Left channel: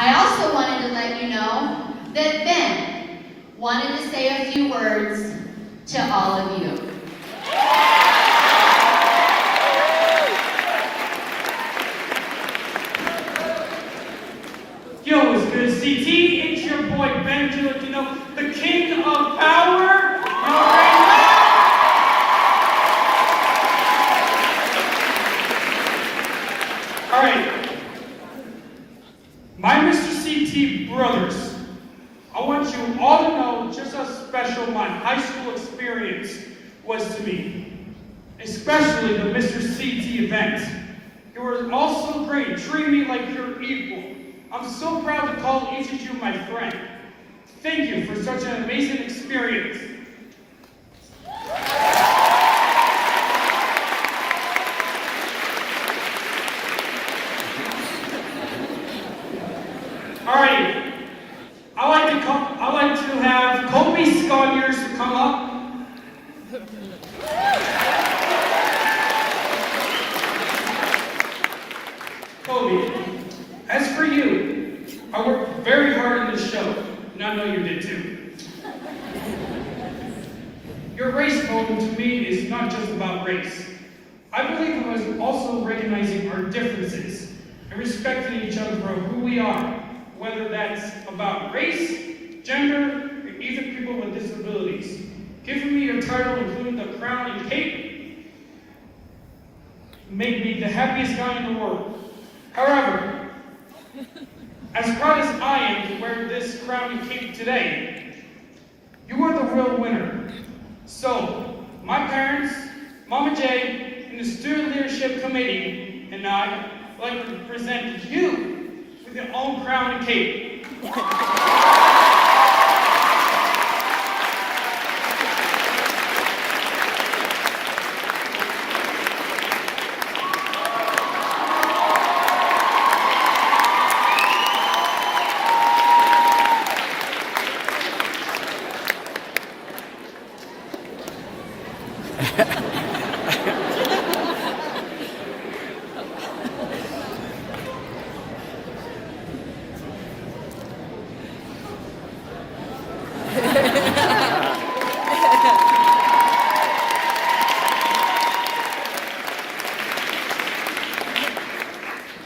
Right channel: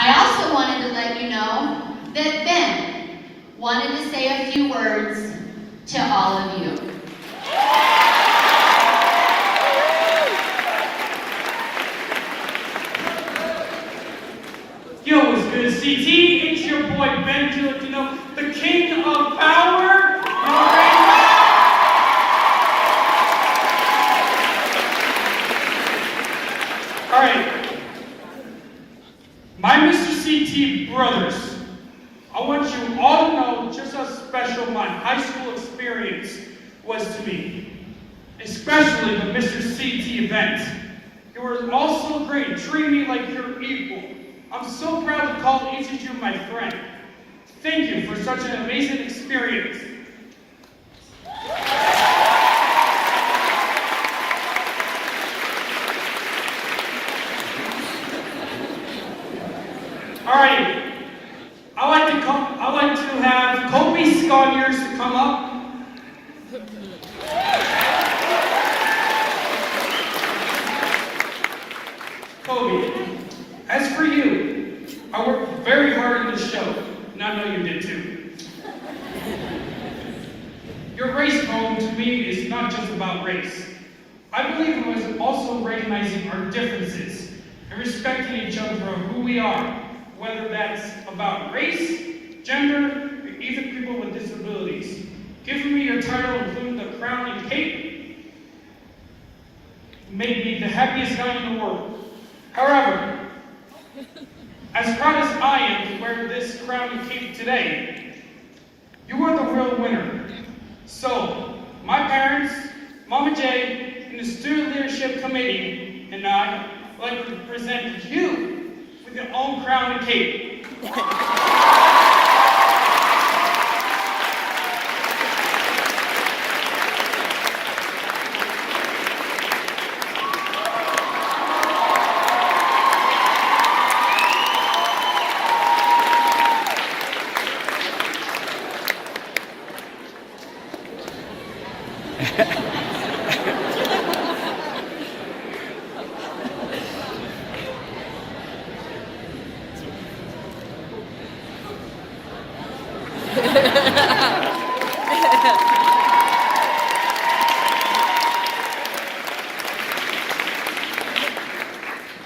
I also wanted to let you know that Ben wanted to say a few words to all of you. Yo, it's good CT. It's your boy Ben Jewett, the king of power. You already know. All right, my Mr. CT brothers, I want you all to know just how special my high school experience was to me, especially the Mr. CT event. You were all so great, treating me like your equal. I'm so proud to call each of you my friend. Thank you for such an amazing experience. Alrighty, I like to have Kobe Sconyers to come up. Kobe, as for you, I worked very hard in this show, and I know you did too. Your race poem to me is not just about race. I believe it was also recognizing our differences and respecting each other for who we are, whether that's about race, gender, or even people with disabilities. Giving me your title, including the crown and cape, made me the happiest guy in the world. However, as proud as I am to wear this crown and cape today, you are the real winner. So, my parents, Mama J, and the Student Leadership Committee, and I would like to present you with your own crown and cape.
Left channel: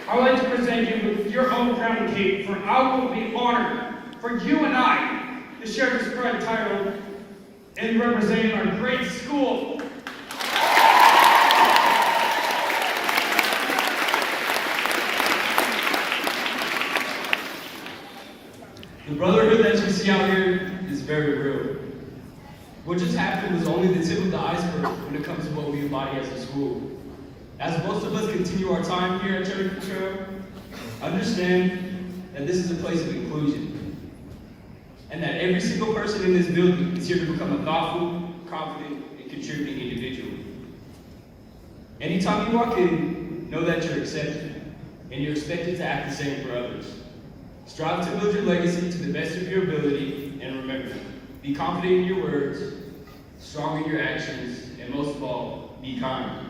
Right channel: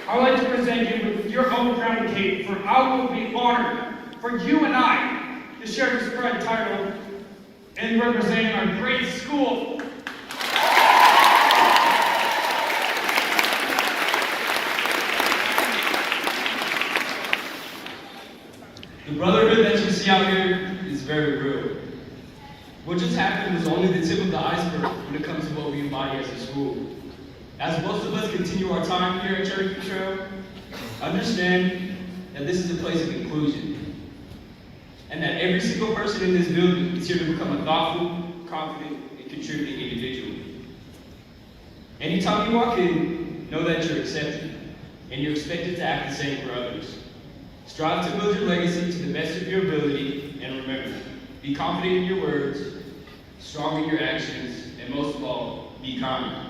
I would like to present you with your own crown and cape, for I will be honored for you and I to share this proud title in representing our great school. The brotherhood that you see out here is very real. What just happened was only the tip of the iceberg when it comes to what we embody as a school. As most of us continue our time here at Cherokee Trail, understand that this is a place of inclusion, and that every single person in this building is here to become a thoughtful, confident, and contributing individual. Anytime you walk in, know that you're accepted, and you're expected to act the same for others. Strive to build your legacy to the best of your ability, and remember, be confident in your words, strong in your actions, and most of all, be kind.